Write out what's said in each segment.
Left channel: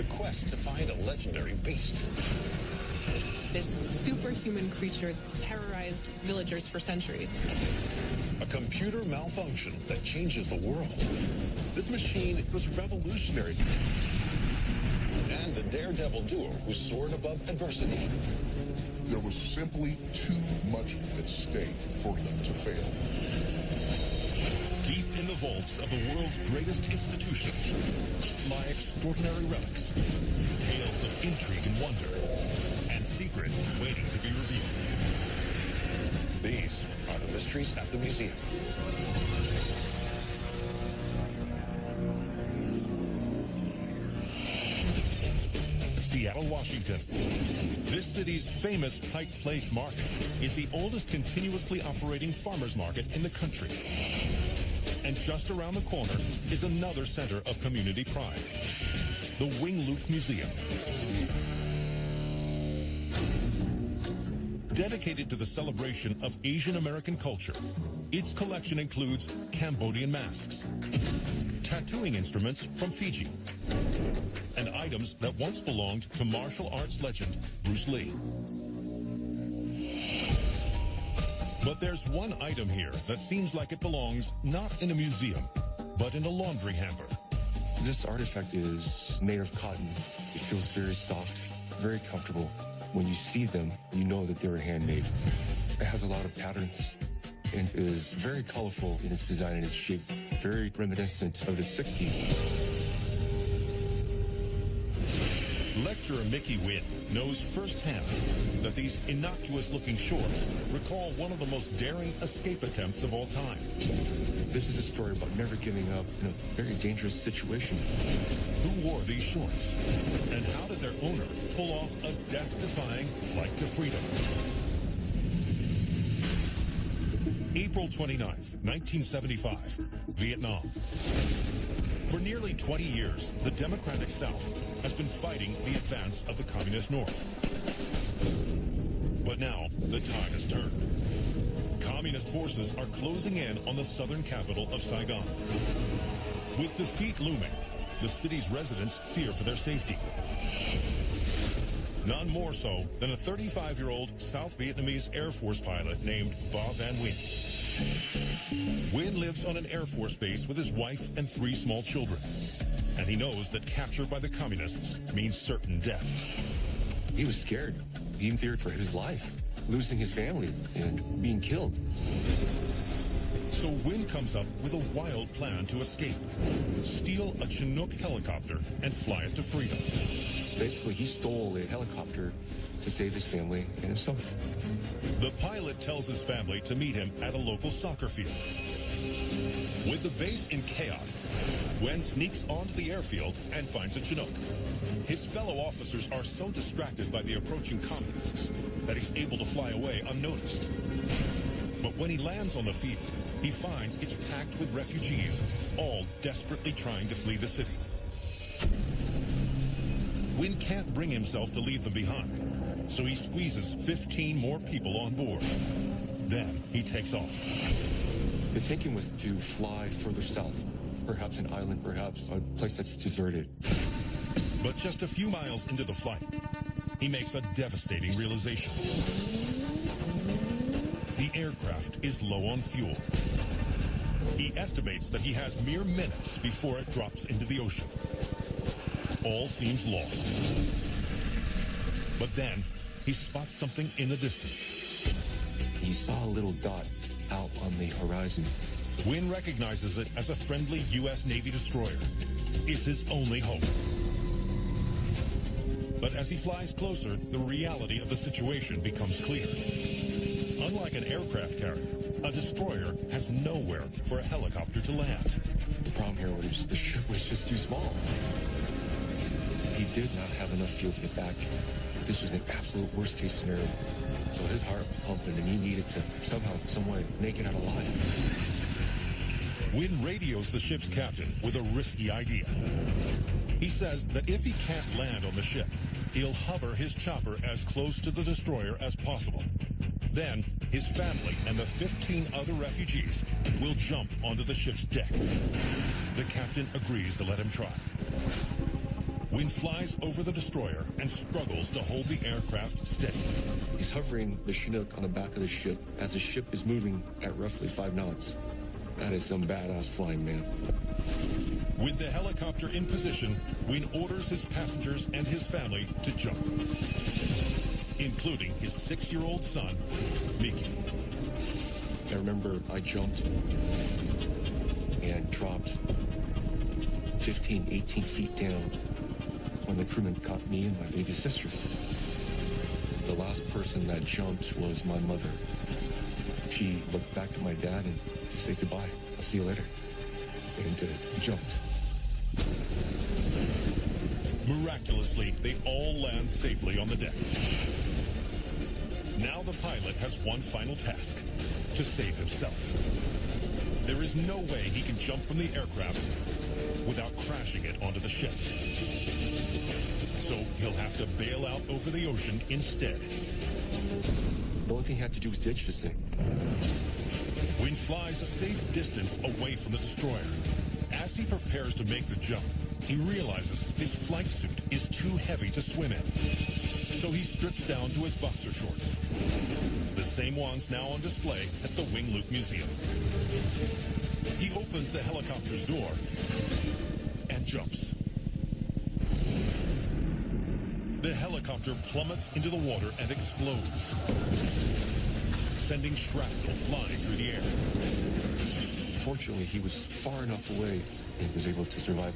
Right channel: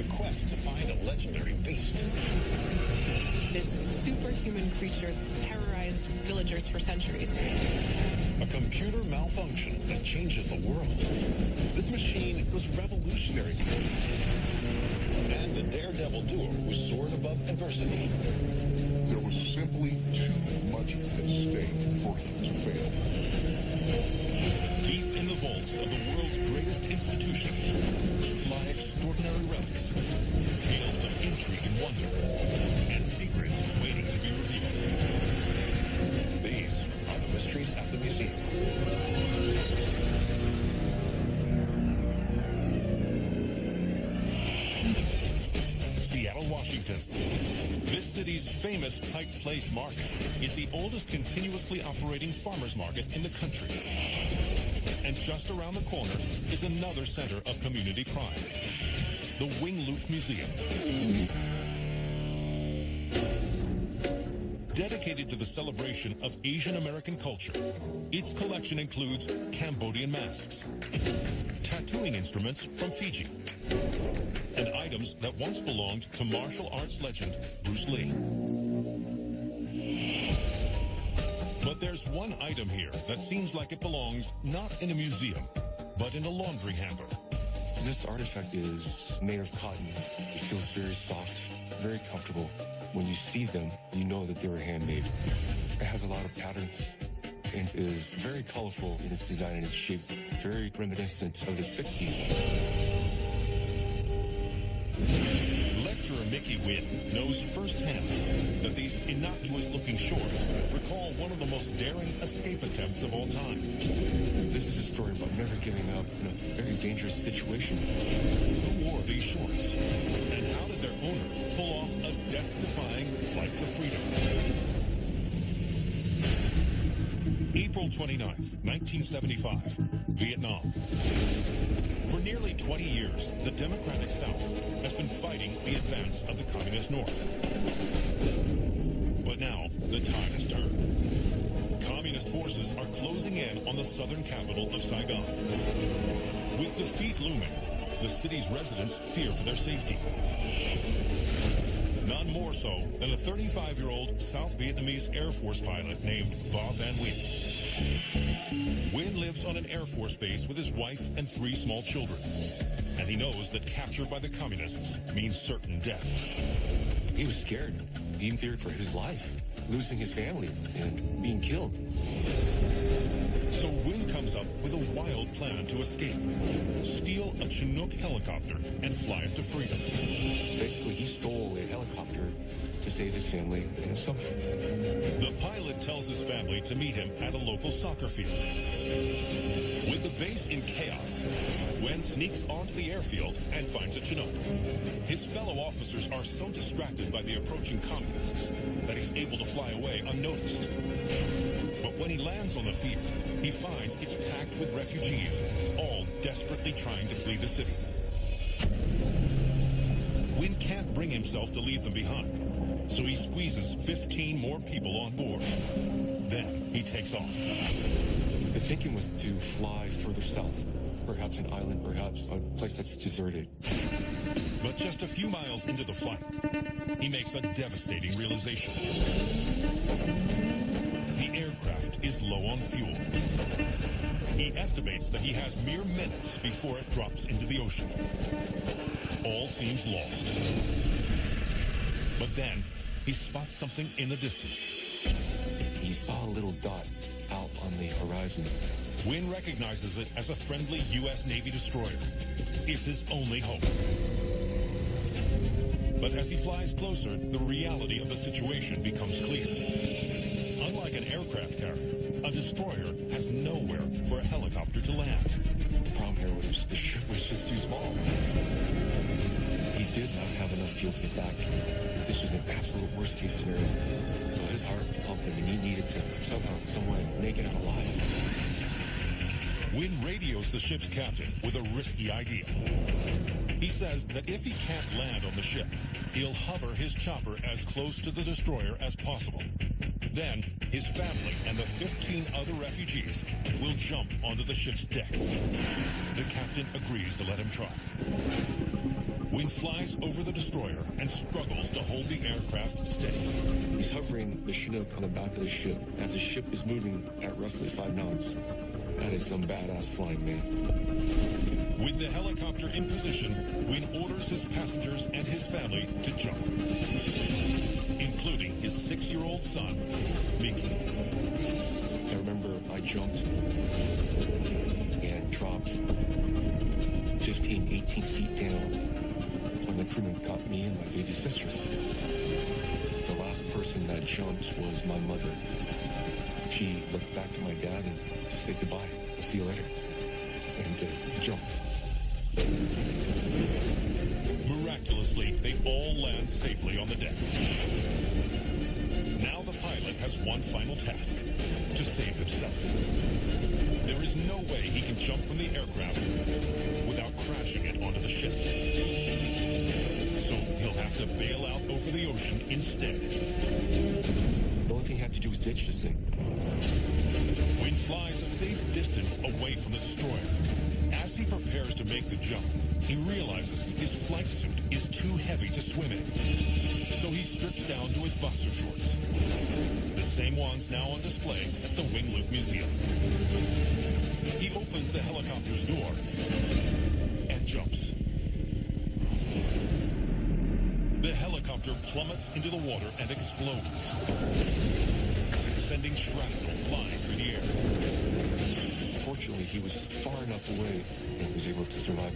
the quest to find a legendary beast. This superhuman creature terrorized villagers for centuries. A computer malfunction that changes the world. This machine was revolutionary. And the daredevil duo who soared above adversity. There was simply too much at stake for him to fail. Deep in the vaults of the world's greatest institution lie extraordinary relics, tales of intrigue and wonder, and secrets waiting to be revealed. These are the mysteries at the museum. Seattle, Washington. This city's famous Pike Place Market is the oldest continuously operating farmers market in the country. And just around the corner is another center of community pride, the Wing-Luke Museum. Dedicated to the celebration of Asian American culture, its collection includes Cambodian masks, tattooing instruments from Fiji, and items that once belonged to martial arts legend Bruce Lee. But there's one item here that seems like it belongs not in a museum, but in a laundry hamper. This artifact is made of cotton. It feels very soft, very comfortable. When you see them, you know that they were handmade. It has a lot of patterns and is very colorful in its design and its shape, very reminiscent of the 60s. Lecturer Mickey Wynn knows firsthand that these innocuous-looking shorts recall one of the most daring escape attempts of all time. This is a story about never giving up in a very dangerous situation. Who wore these shorts? And how did their owner pull off a death-defying flight to freedom? April 29th, 1975, Vietnam. For nearly 20 years, the Democratic South has been fighting the advance of the Communist North. But now, the tide has turned. Communist forces are closing in on the southern capital of Saigon. With defeat looming, the city's residents fear for their safety. None more so than a 35-year-old South Vietnamese Air Force pilot named Ba Van Nguyen. Nguyen lives on an Air Force base with his wife and 3 small children. And he knows that capture by the communists means certain death. He was scared. He feared for his life, losing his family and being killed. So Nguyen comes up with a wild plan to escape. Steal a Chinook helicopter and fly it to freedom. Basically, he stole a helicopter to save his family and himself. The pilot tells his family to meet him at a local soccer field. With the base in chaos, Nguyen sneaks onto the airfield and finds a Chinook. His fellow officers are so distracted by the approaching communists that he's able to fly away unnoticed. But when he lands on the field, he finds it's packed with refugees, all desperately trying to flee the city. Nguyen can't bring himself to leave them behind, so he squeezes 15 more people on board. Then he takes off. The thinking was to fly further south, perhaps an island, perhaps a place that's deserted. But just a few miles into the flight, he makes a devastating realization. The aircraft is low on fuel. He estimates that he has mere minutes before it drops into the ocean. All seems lost. But then, he spots something in the distance. He saw a little dot out on the horizon. Nguyen recognizes it as a friendly U.S. Navy destroyer. It's his only hope. But as he flies closer, the reality of the situation becomes clear. Unlike an aircraft carrier, a destroyer has nowhere for a helicopter to land. The problem here was the ship was just too small. He did not have enough fuel to get back. This was an absolute worst-case scenario. So his heart pumped him, and he needed to somehow, some way, make it out alive. Nguyen radios the ship's captain with a risky idea. He says that if he can't land on the ship, he'll hover his chopper as close to the destroyer as possible. Then, his family and the 15 other refugees will jump onto the ship's deck. The captain agrees to let him try. Wynn flies over the destroyer and struggles to hold the aircraft steady. He's hovering the Chinook on the back of the ship as the ship is moving at roughly 5 knots. That is some badass flying, man. With the helicopter in position, Wynn orders his passengers and his family to jump, including his 6-year-old son, Mickey. I remember I jumped and dropped 15, 18 feet down when the crewman caught me and my baby sister. The last person that jumped was my mother. She looked back at my dad and just said goodbye. I'll see you later. And jumped. Miraculously, they all land safely on the deck. Now the pilot has one final task: to save himself. There is no way he can jump from the aircraft without crashing it onto the ship. So he'll have to bail out over the ocean instead. The only thing he had to do was ditch this thing. Wynn flies a safe distance away from the destroyer. As he prepares to make the jump, he realizes his flight suit is too heavy to swim in. So he strips down to his boxer shorts, the same ones now on display at the Wing Luke Museum. He opens the helicopter's door and jumps. The helicopter plummets into the water and explodes, sending shrapnel flying through the air. Fortunately, he was far enough away and was able to survive.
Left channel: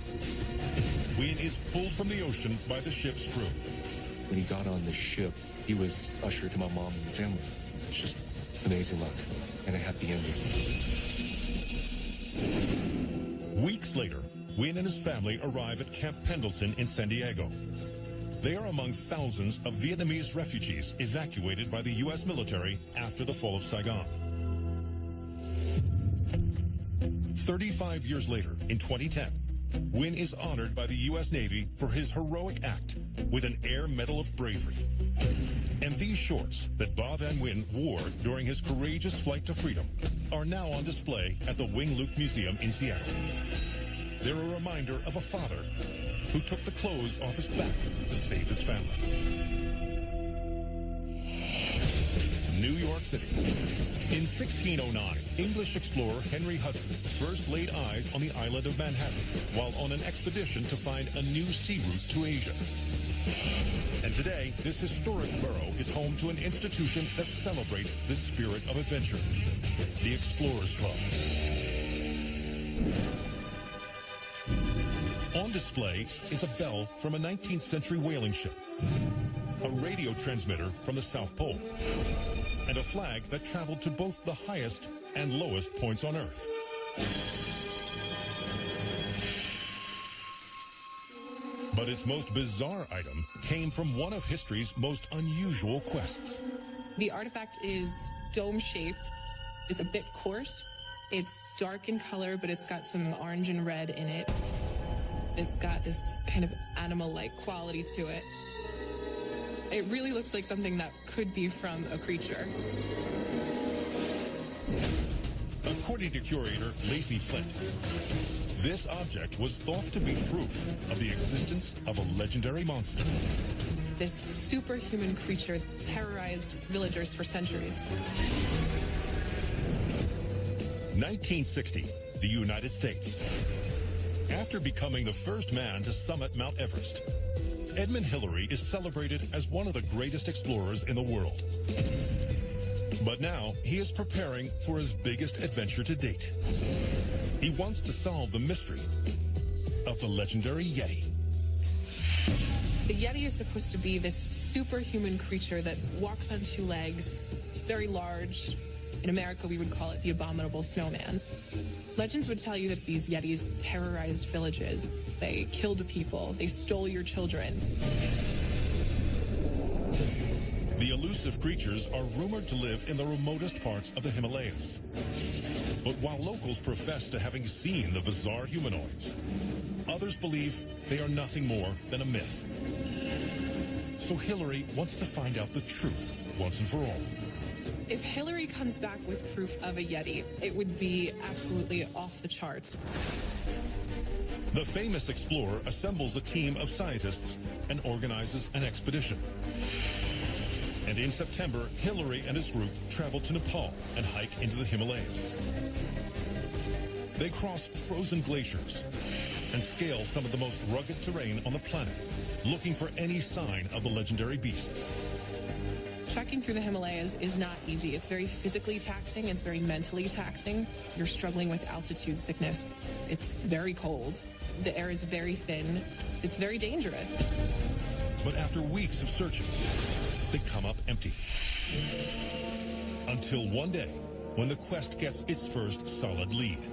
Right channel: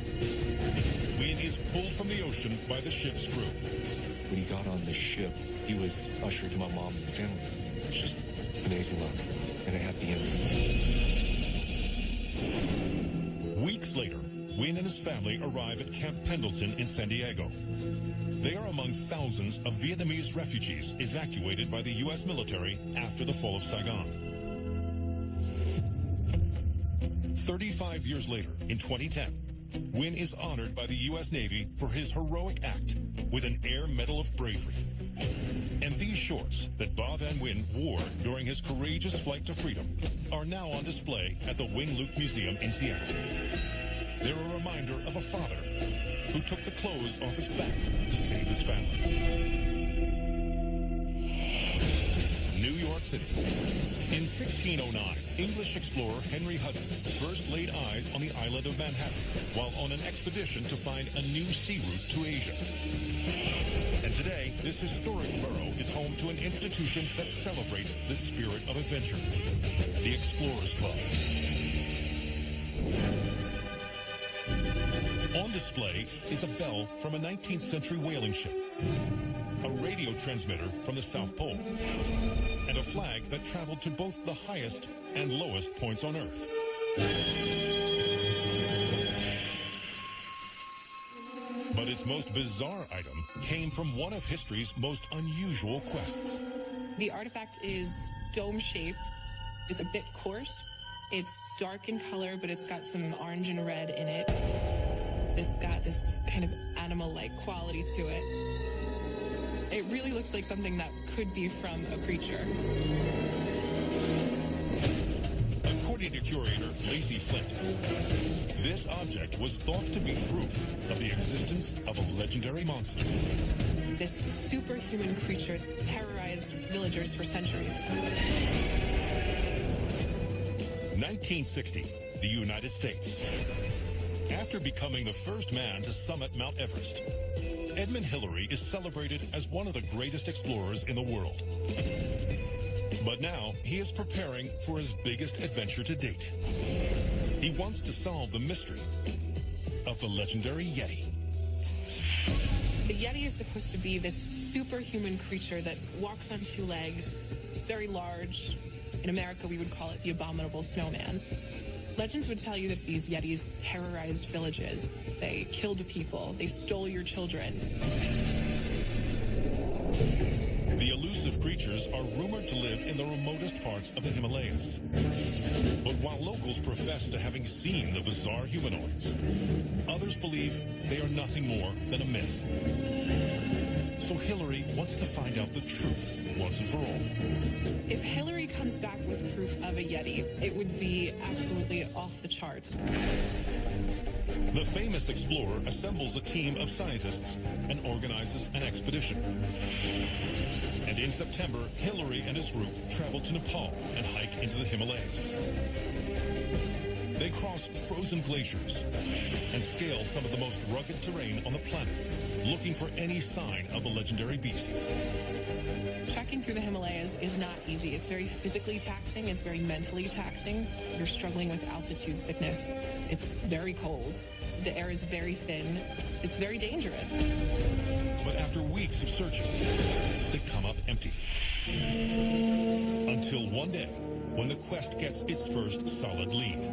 Wynn is pulled from the ocean by the ship's crew. When he got on the ship, he was ushered to my mom and the family. It's just amazing luck and a happy ending. Weeks later, Wynn and his family arrive at Camp Pendleton in San Diego. They are among thousands of Vietnamese refugees evacuated by the U.S. military after the fall of Saigon. 35 years later, in 2010, Wynn is honored by the U.S. Navy for his heroic act with an Air Medal of Bravery. And these shorts that Ba Van Wyn wore during his courageous flight to freedom are now on display at the Wing Luke Museum in Seattle. They're a reminder of a father who took the clothes off his back to save his family. New York City. In 1609, English explorer Henry Hudson first laid eyes on the island of Manhattan while on an expedition to find a new sea route to Asia. And today, this historic borough is home to an institution that celebrates the spirit of adventure, the Explorers Club. On display is a bell from a 19th century whaling ship, a radio transmitter from the South Pole, and a flag that traveled to both the highest and lowest points on Earth. But its most bizarre item came from one of history's most unusual quests. The artifact is dome-shaped. It's a bit coarse. It's dark in color, but it's got some orange and red in it. It's got this kind of animal-like quality to it. It really looks like something that could be from a creature. According to curator Lacey Flint, this object was thought to be proof of the existence of a legendary monster. This superhuman creature terrorized villagers for centuries. 1960, the United States. After becoming the first man to summit Mount Everest, Edmund Hillary is celebrated as one of the greatest explorers in the world. But now he is preparing for his biggest adventure to date. He wants to solve the mystery of the legendary Yeti. The Yeti is supposed to be this superhuman creature that walks on 2 legs. It's very large. In America, we would call it the abominable snowman. Legends would tell you that these Yetis terrorized villages. They killed people. They stole your children. The elusive creatures are rumored to live in the remotest parts of the Himalayas. But while locals profess to having seen the bizarre humanoids, others believe they are nothing more than a myth. So Hillary wants to find out the truth once and for all. If Hillary comes back with proof of a Yeti, it would be absolutely off the charts. The famous explorer assembles a team of scientists and organizes an expedition. And in September, Hillary and his group travel to Nepal and hike into the Himalayas. They cross frozen glaciers and scale some of the most rugged terrain on the planet, looking for any sign of the legendary beasts. Trekking through the Himalayas is not easy. It's very physically taxing. It's very mentally taxing. You're struggling with altitude sickness. It's very cold. The air is very thin. It's very dangerous. But after weeks of searching, they come up empty. Until one day, when the quest gets its first solid lead.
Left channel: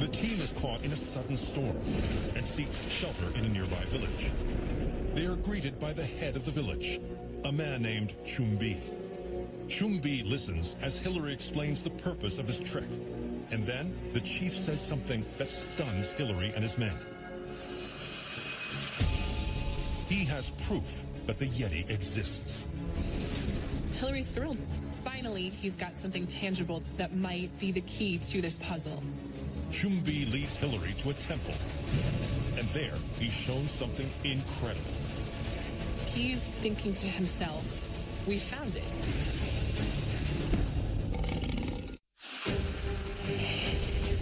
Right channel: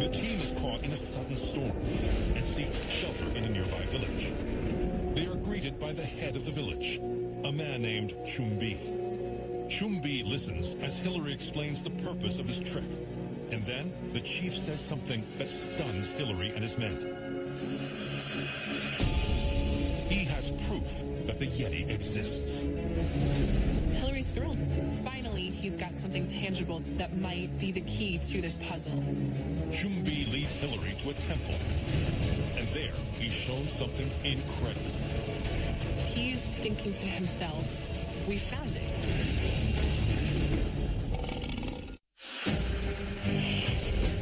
The team is caught in a sudden storm and seeks shelter in a nearby village. They are greeted by the head of the village, a man named Chumbi. Chumbi listens as Hillary explains the purpose of his trek, and then the chief says something that stuns Hillary and his men. He has proof that the Yeti exists. Hillary's thrilled. Finally, he's got something tangible that might be the key to this puzzle. Chumbi leads Hillary to a temple, and there he's shown something incredible. He's thinking to himself, we found it.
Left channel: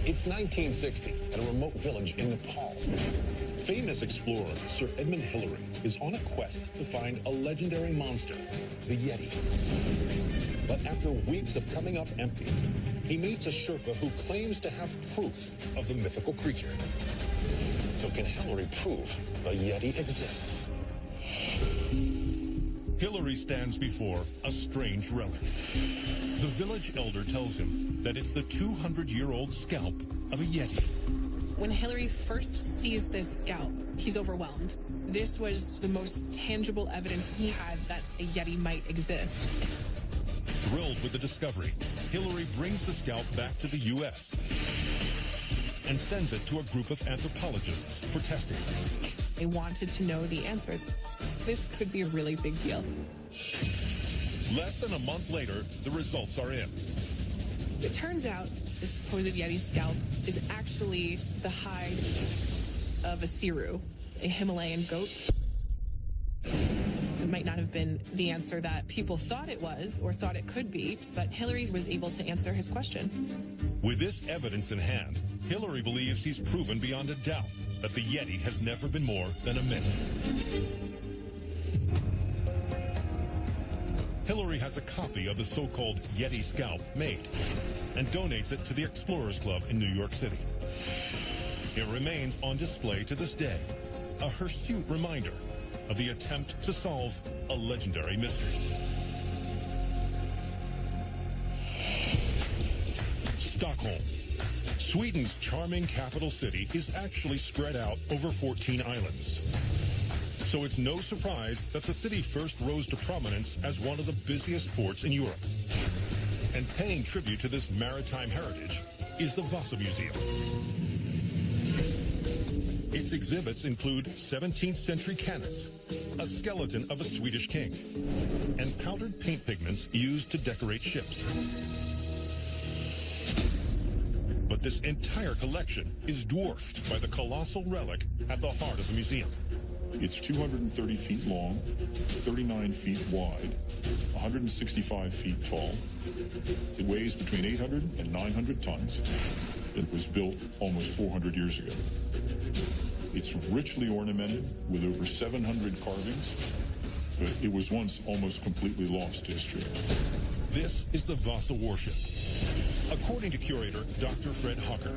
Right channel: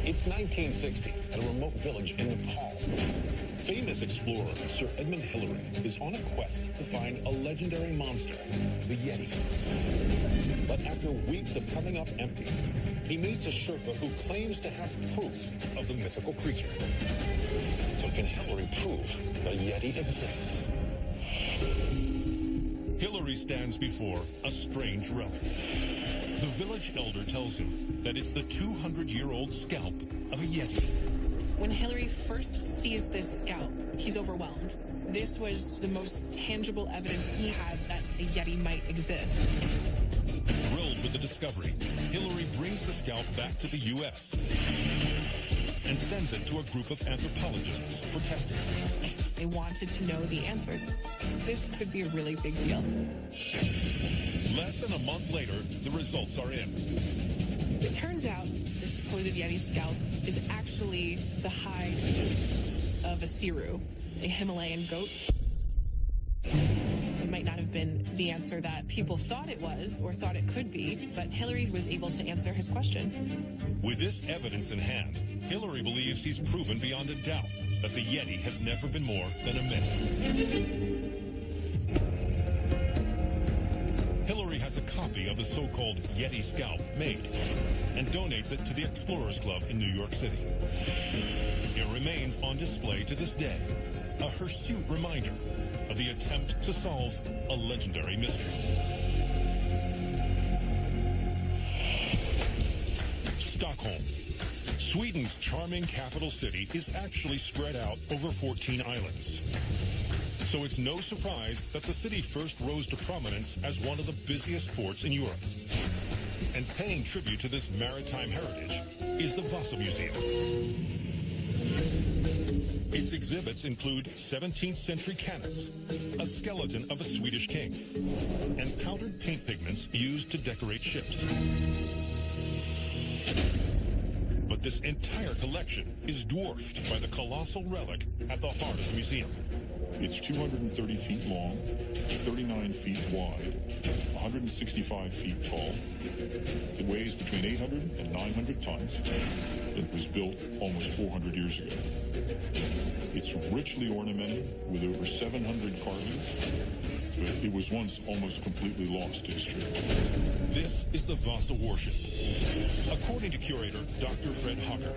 It's 1960 at a remote village in Nepal. Famous explorer Sir Edmund Hillary is on a quest to find a legendary monster, the Yeti. But after weeks of coming up empty, he meets a Sherpa who claims to have proof of the mythical creature. So can Hillary prove the Yeti exists? Hillary stands before a strange relic. The village elder tells him that it's the 200-year-old scalp of a Yeti. When Hillary first sees this scalp, he's overwhelmed. This was the most tangible evidence he had that a Yeti might exist. Thrilled with the discovery, Hillary brings the scalp back to the U.S. and sends it to a group of anthropologists for testing. They wanted to know the answer. This could be a really big deal. Less than a month later, the results are in. It turns out the supposed Yeti scalp is actually the hide of a Siru, a Himalayan goat. It might not have been the answer that people thought it was or thought it could be, but Hillary was able to answer his question. With this evidence in hand, Hillary believes he's proven beyond a doubt that the Yeti has never been more than a myth. Hillary has a copy of the so-called Yeti scalp made and donates it to the Explorers Club in New York City. It remains on display to this day, a hirsute reminder of the attempt to solve a legendary mystery. Stockholm. Sweden's charming capital city is actually spread out over 14 islands. So it's no surprise that the city first rose to prominence as one of the busiest ports in Europe. And paying tribute to this maritime heritage is the Vasa Museum. Its exhibits include 17th century cannons, a skeleton of a Swedish king, and powdered paint pigments used to decorate ships. But this entire collection is dwarfed by the colossal relic at the heart of the museum. It's 230 feet long, 39 feet wide, 165 feet tall. It weighs between 800 and 900 tons. It was built almost 400 years ago. It's richly ornamented with over 700 carvings, but it was once almost completely lost to history. This is the Vasa warship. According to curator Dr. Fred Hocker,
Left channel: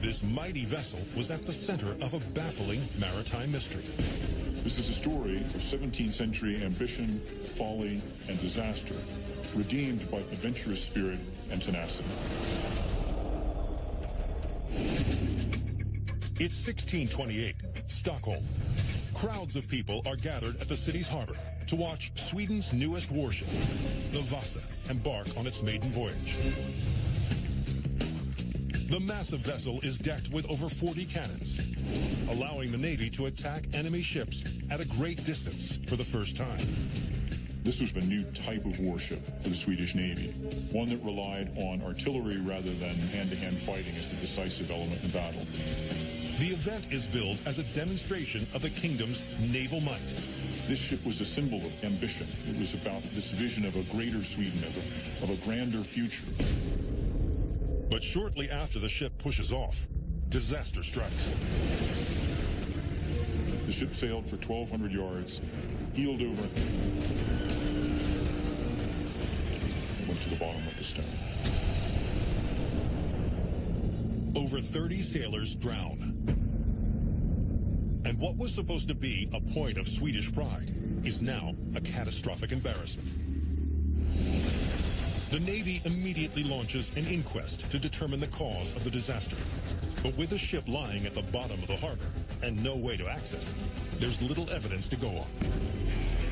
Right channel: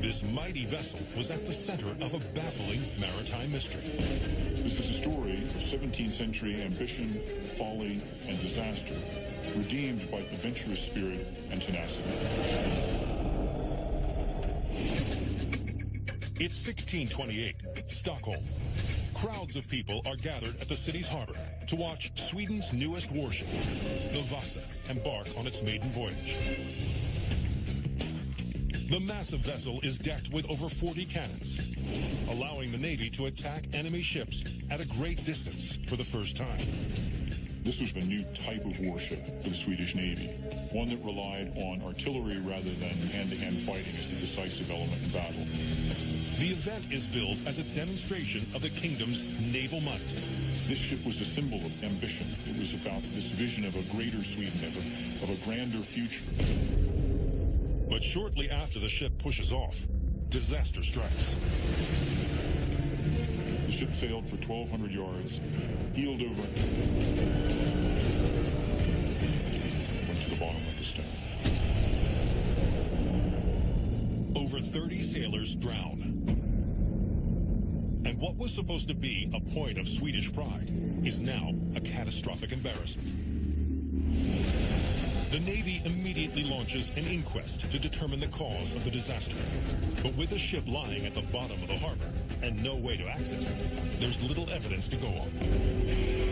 this mighty vessel was at the center of a baffling maritime mystery. This is a story of 17th century ambition, folly, and disaster, redeemed by adventurous spirit and tenacity. It's 1628, Stockholm. Crowds of people are gathered at the city's harbor to watch Sweden's newest warship, the Vasa, embark on its maiden voyage. The massive vessel is decked with over 40 cannons, allowing the Navy to attack enemy ships at a great distance for the first time. This was a new type of warship for the Swedish Navy. one that relied on artillery rather than hand-to-hand fighting as the decisive element in battle. The event is billed as a demonstration of the kingdom's naval might. This ship was a symbol of ambition. It was about this vision of a greater Sweden, of a grander future. But shortly after the ship pushes off, disaster strikes. The ship sailed for 1,200 yards, heeled over, and went to the bottom like a stone. Over 30 sailors drown. And what was supposed to be a point of Swedish pride is now a catastrophic embarrassment. The Navy immediately launches an inquest to determine the cause of the disaster. But with the ship lying at the bottom of the harbor and no way to access it, there's little evidence to go on.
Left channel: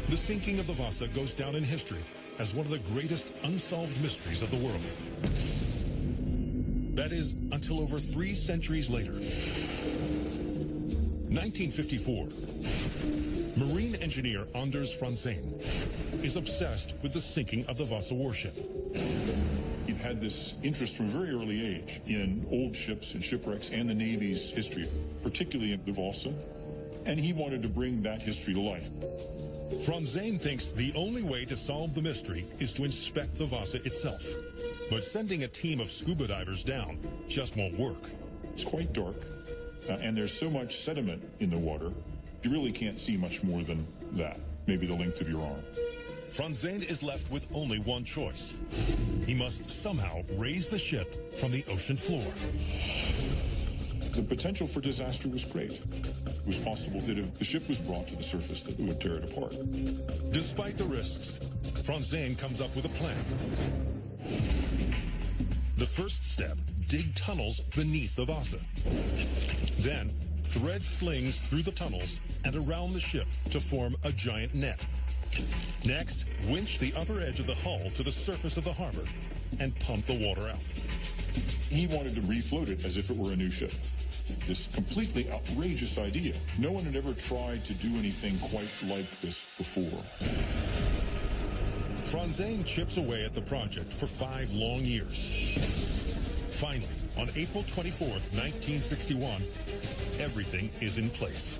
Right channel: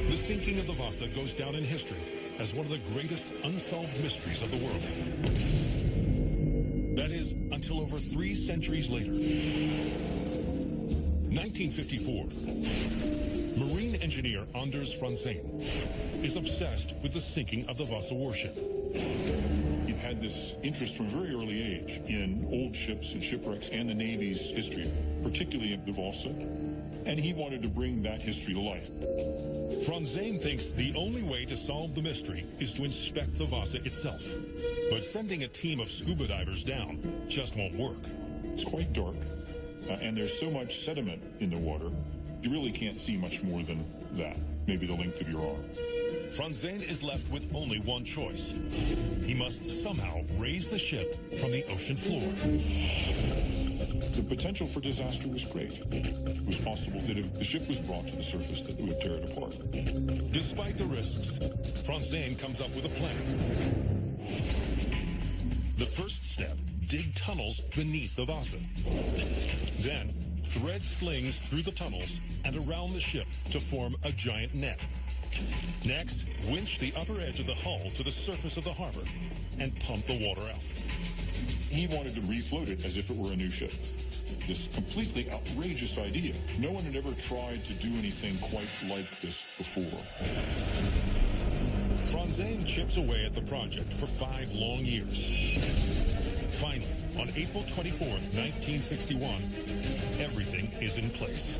The sinking of the Vasa goes down in history as one of the greatest unsolved mysteries of the world. That is, until over 3 centuries later. 1954. Marine engineer Anders Franzén is obsessed with the sinking of the Vasa warship. He had this interest from a very early age in old ships and shipwrecks and the Navy's history, particularly in the Vasa, and he wanted to bring that history to life. Franzén thinks the only way to solve the mystery is to inspect the Vasa itself. But sending a team of scuba divers down just won't work. It's quite dark, and there's so much sediment in the water, you really can't see much more than that, maybe the length of your arm. Franzén is left with only one choice. He must somehow raise the ship from the ocean floor. The potential for disaster was great. It was possible that if the ship was brought to the surface, that it would tear it apart. Despite the risks, Franzén comes up with a plan. The first step, dig tunnels beneath the Vasa. Then, thread slings through the tunnels and around the ship to form a giant net. Next, winch the upper edge of the hull to the surface of the harbor and pump the water out. He wanted to refloat it as if it were a new ship. This completely outrageous idea. No one had ever tried to do anything quite like this before. Franzén chips away at the project for 5 long years. Finally, on April 24th, 1961, everything is in place.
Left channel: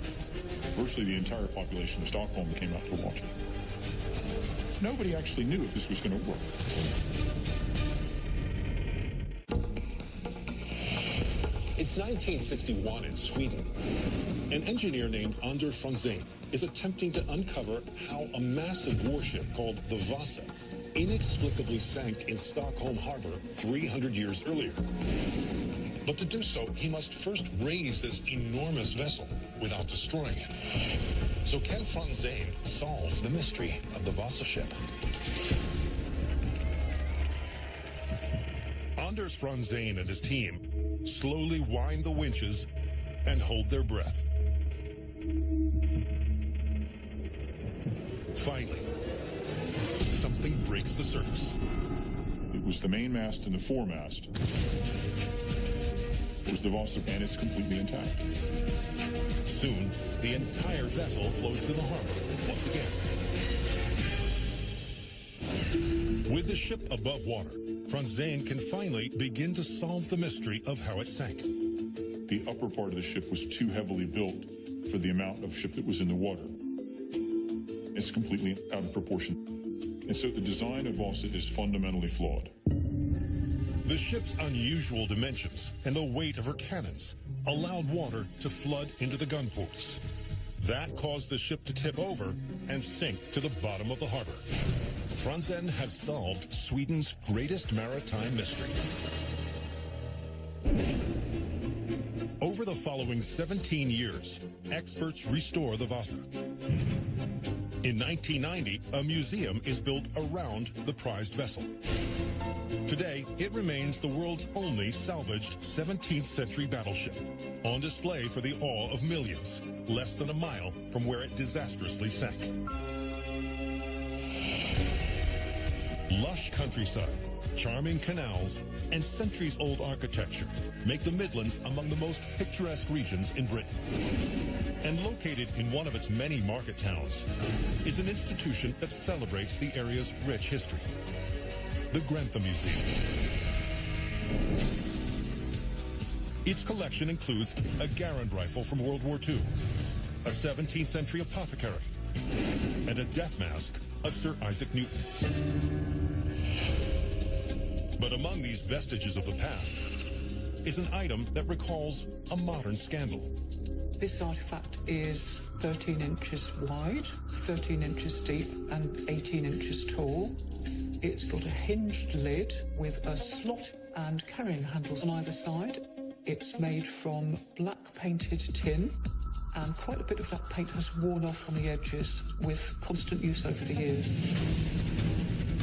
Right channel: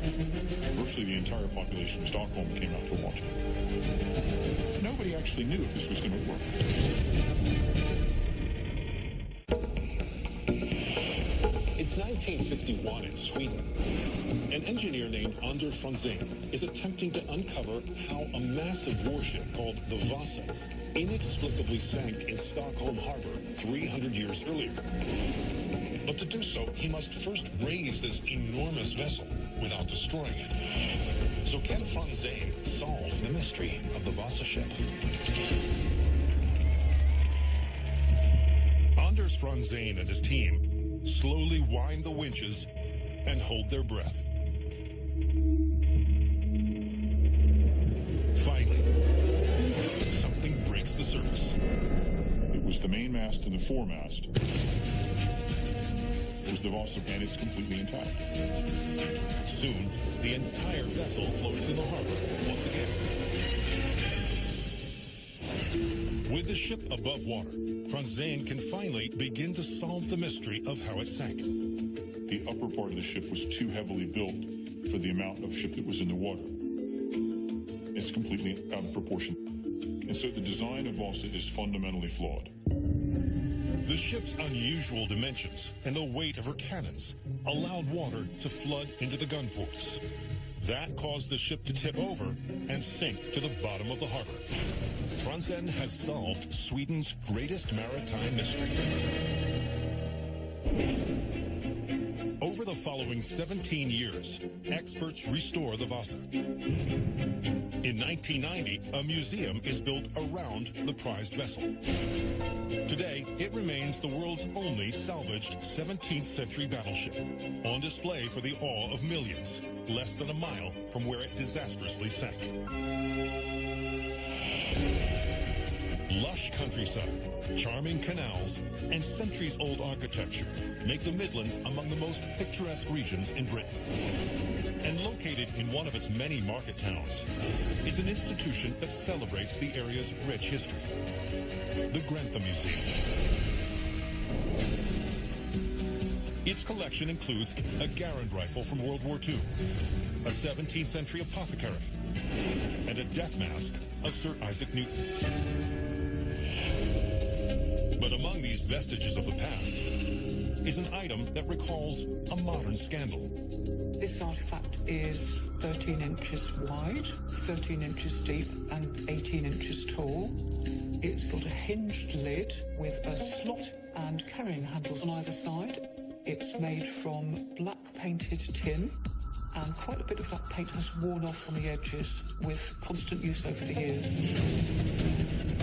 Virtually the entire population of Stockholm came out to watch it. Nobody actually knew if this was going to work. It's 1961 in Sweden. An engineer named Anders Franzén is attempting to uncover how a massive warship called the Vasa inexplicably sank in Stockholm Harbor 300 years earlier. But to do so, he must first raise this enormous vessel without destroying it. So can Franzén solve the mystery of the Vasa ship? Anders Franzén and his team slowly wind the winches and hold their breath. Finally, something breaks the surface. It was the mainmast and the foremast. It was the Vasa, and it's completely intact. Soon, the entire vessel floats in the harbor once again. With the ship above water, Franzén can finally begin to solve the mystery of how it sank. The upper part of the ship was too heavily built for the amount of ship that was in the water. It's completely out of proportion. And so the design of Vasa is fundamentally flawed. The ship's unusual dimensions and the weight of her cannons allowed water to flood into the gun ports. That caused the ship to tip over and sink to the bottom of the harbor. Franzén has solved Sweden's greatest maritime mystery. Over the following 17 years, experts restore the Vasa. In 1990, a museum is built around the prized vessel. Today, it remains the world's only salvaged 17th century battleship, on display for the awe of millions, less than a mile from where it disastrously sank. Lush countryside, charming canals, and centuries-old architecture make the Midlands among the most picturesque regions in Britain. And located in one of its many market towns is an institution that celebrates the area's rich history, the Grantham Museum. Its collection includes a Garand rifle from World War II, a 17th century apothecary, and a death mask of Sir Isaac Newton. But among these vestiges of the past is an item that recalls a modern scandal. This artifact is 13 inches wide, 13 inches deep, and 18 inches tall. It's got a hinged lid with a slot and carrying handles on either side. It's made from black painted tin, and quite a bit of that paint has worn off on the edges with constant use over the years.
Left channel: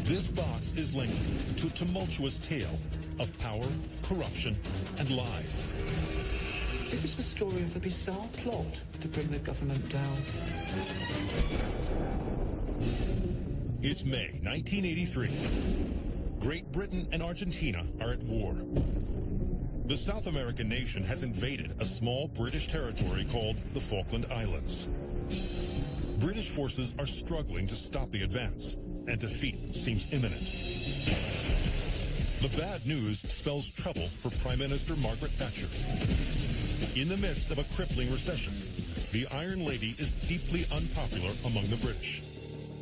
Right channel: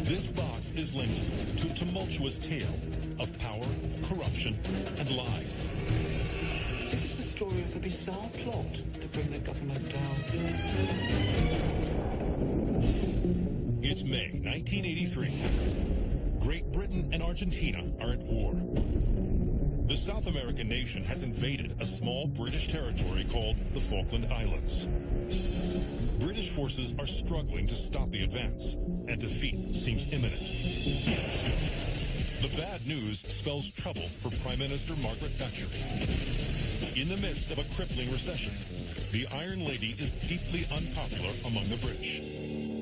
This box is linked to a tumultuous tale of power, corruption, and lies. This is the story of a bizarre plot to bring the government down. It's May 1983. Great Britain and Argentina are at war. The South American nation has invaded a small British territory called the Falkland Islands. British forces are struggling to stop the advance, and defeat seems imminent. The bad news spells trouble for Prime Minister Margaret Thatcher. In the midst of a crippling recession, the Iron Lady is deeply unpopular among the British.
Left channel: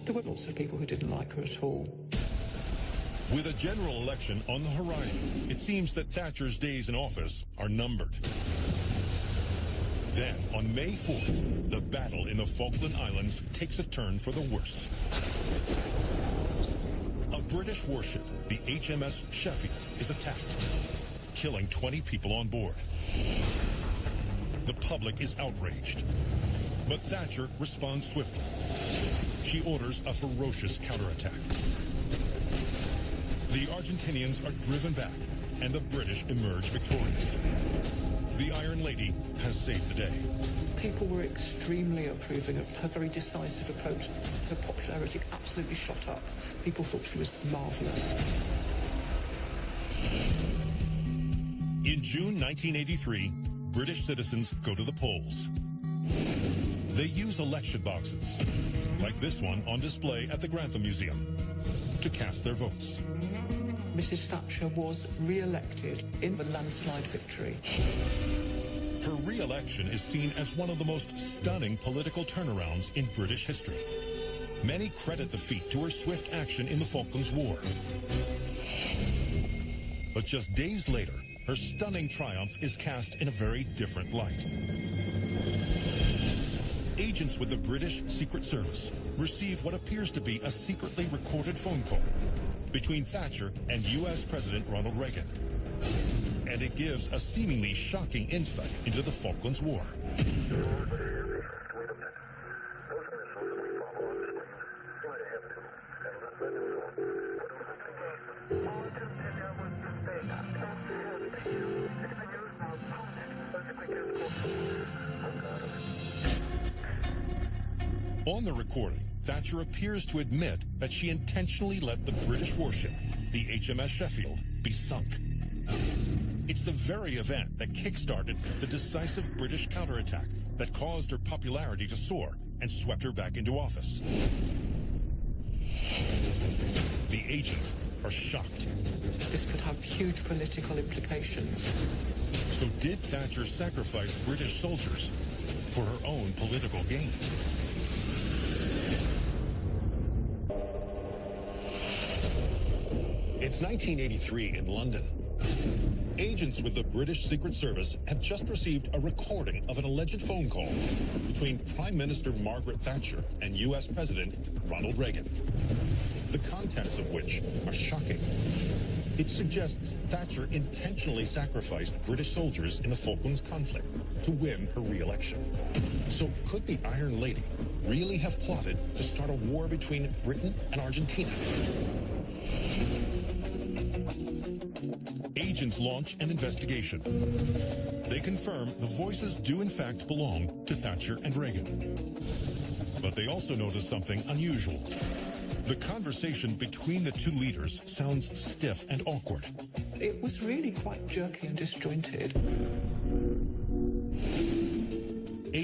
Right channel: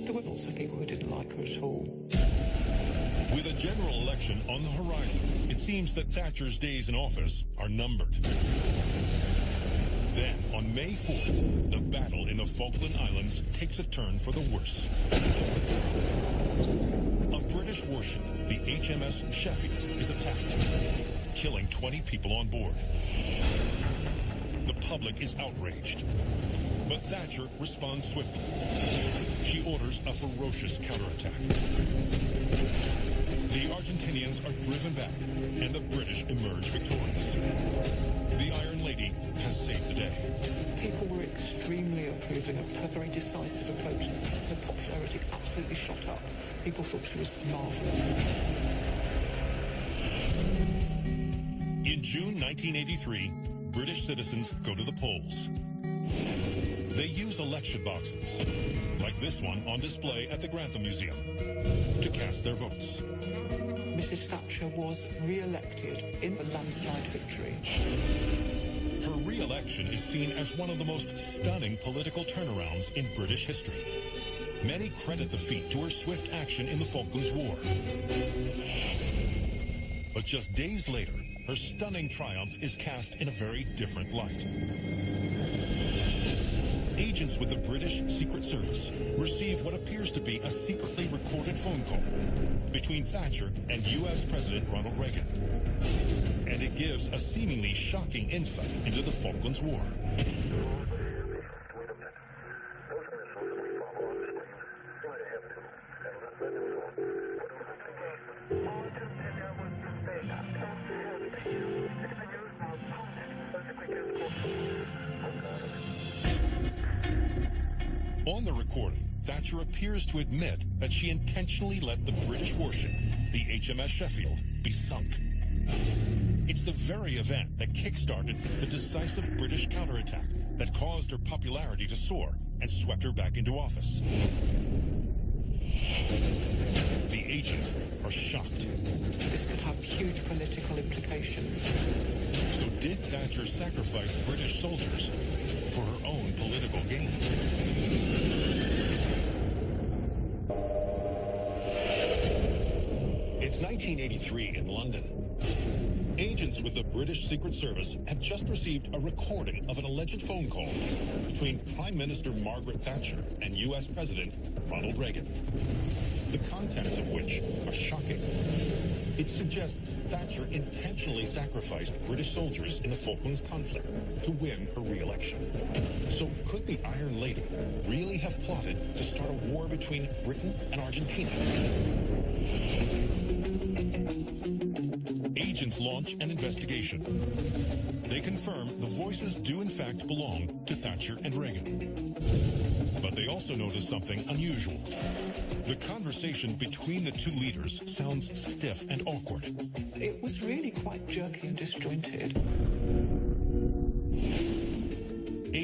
There were lots of people who didn't like her at all. With a general election on the horizon, it seems that Thatcher's days in office are numbered. Then, on May 4th, the battle in the Falkland Islands takes a turn for the worse. A British warship, the HMS Sheffield, is attacked, killing 20 people on board. The public is outraged, but Thatcher responds swiftly. She orders a ferocious counterattack. The Argentinians are driven back, and the British emerge victorious. The Iron Lady has saved the day. People were extremely approving of her very decisive approach. Her popularity absolutely shot up. People thought she was marvellous. In June 1983, British citizens go to the polls. They use election boxes, like this one on display at the Grantham Museum, to cast their votes. Mrs. Thatcher was re-elected in a landslide victory. Her re-election is seen as one of the most stunning political turnarounds in British history. Many credit the feat to her swift action in the Falklands War. But just days later, her stunning triumph is cast in a very different light. Agents with the British Secret Service receive what appears to be a secretly recorded phone call between Thatcher and U.S. President Ronald Reagan. And it gives a seemingly shocking insight into the Falklands War. On the recording, Thatcher appears to admit that she intentionally let the British warship, the HMS Sheffield, be sunk. It's the very event that kick-started the decisive British counterattack that caused her popularity to soar and swept her back into office. The agents are shocked. This could have huge political implications. So did Thatcher sacrifice British soldiers for her own political gain? It's 1983 in London. Agents with the British Secret Service have just received a recording of an alleged phone call between Prime Minister Margaret Thatcher and U.S. President Ronald Reagan, the contents of which are shocking. It suggests Thatcher intentionally sacrificed British soldiers in the Falklands conflict to win her re-election. So could the Iron Lady really have plotted to start a war between Britain and Argentina? Agents launch an investigation. They confirm the voices do in fact belong to Thatcher and Reagan. But they also notice something unusual. The conversation between the two leaders sounds stiff and awkward. It was really quite jerky and disjointed.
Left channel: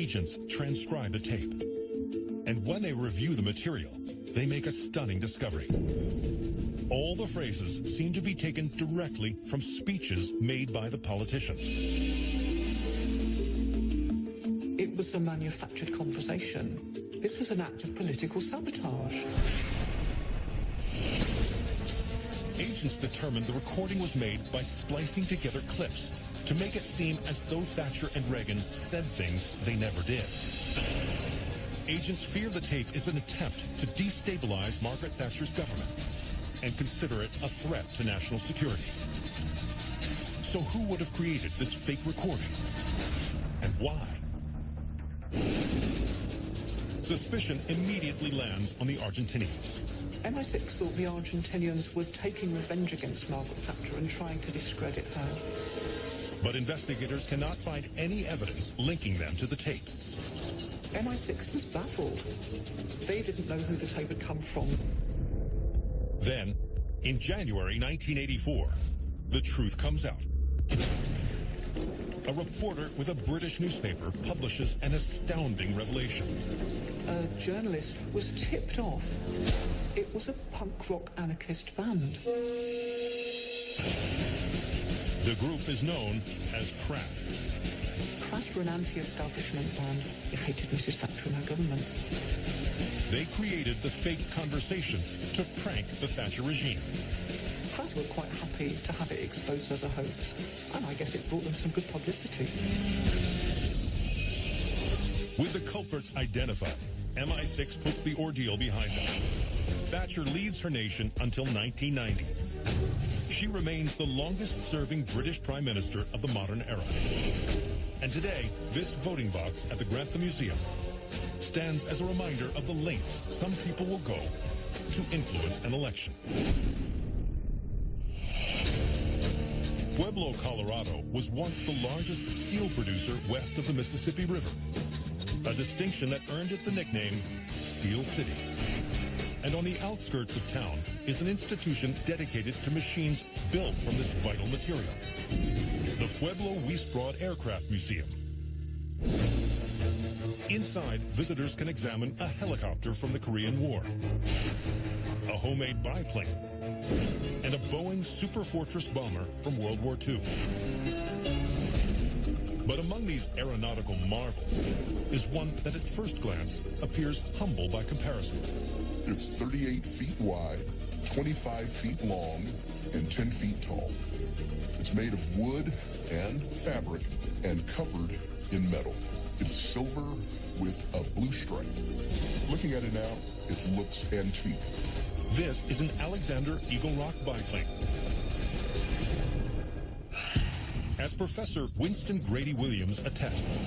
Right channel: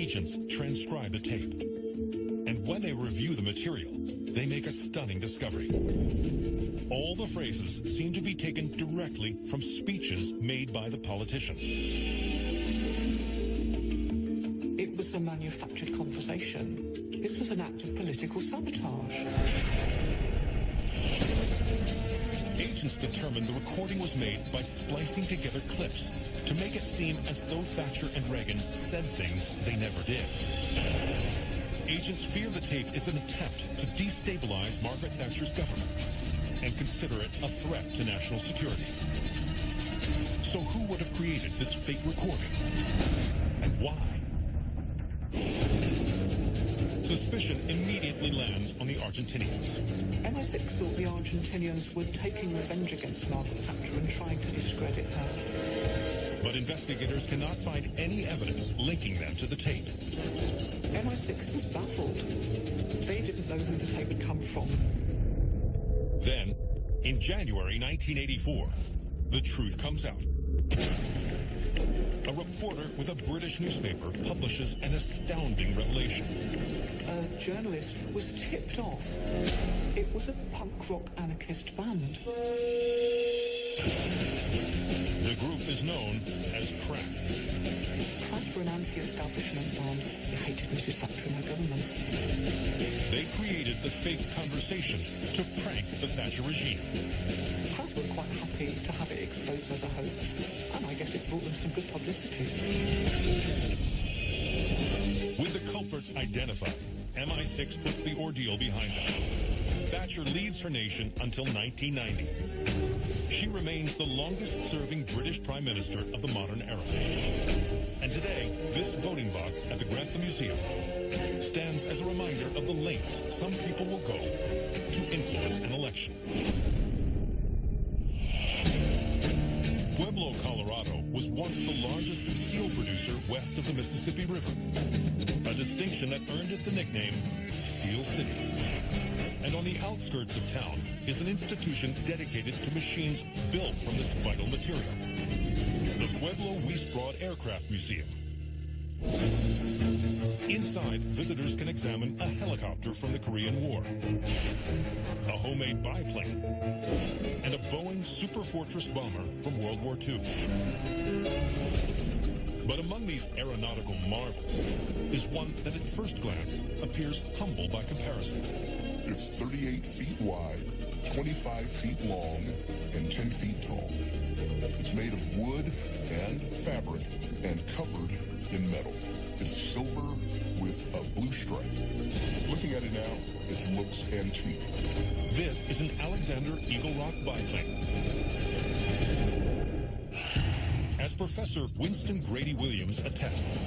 agents transcribe the tape. And when they review the material, they make a stunning discovery. All the phrases seem to be taken directly from speeches made by the politicians. It was a manufactured conversation. This was an act of political sabotage. Agents determined the recording was made by splicing together clips to make it seem as though Thatcher and Reagan said things they never did. Agents fear the tape is an attempt to destabilize Margaret Thatcher's government and consider it a threat to national security. So who would have created this fake recording? And why? Suspicion immediately lands on the Argentinians. MI6 thought the Argentinians were taking revenge against Margaret Thatcher and trying to discredit her. But investigators cannot find any evidence linking them to the tape. MI6 was baffled. They didn't know who the tape had come from. Then, in January 1984, the truth comes out. A reporter with a British newspaper publishes an astounding revelation. A journalist was tipped off. It was a punk rock anarchist band. The group is known as Crass. Crass were an anti-establishment band. They hated Mrs. Thatcher and her government. They created the fake conversation to prank the Thatcher regime. Crass were quite happy to have it exposed as a hoax, and I guess it brought them some good publicity. With the culprits identified, MI6 puts the ordeal behind them. Thatcher leads her nation until 1990. She remains the longest-serving British Prime Minister of the modern era. And today, this voting box at the Grantham Museum stands as a reminder of the lengths some people will go to influence an election. Pueblo, Colorado was once the largest steel producer west of the Mississippi River, a distinction that earned it the nickname Steel City. And on the outskirts of town is an institution dedicated to machines built from this vital material, the Pueblo Weiss Broad Aircraft Museum. Inside, visitors can examine a helicopter from the Korean War, a homemade biplane, and a Boeing Super Fortress bomber from World War II. But among these aeronautical marvels is one that at first glance appears humble by comparison. It's 38 feet wide, 25 feet long, and 10 feet tall. It's made of wood and fabric and covered in metal. It's silver with a blue stripe. Looking at it now, it looks antique. This is an Alexander Eagle Rock biplane. As Professor Winston Grady Williams attests,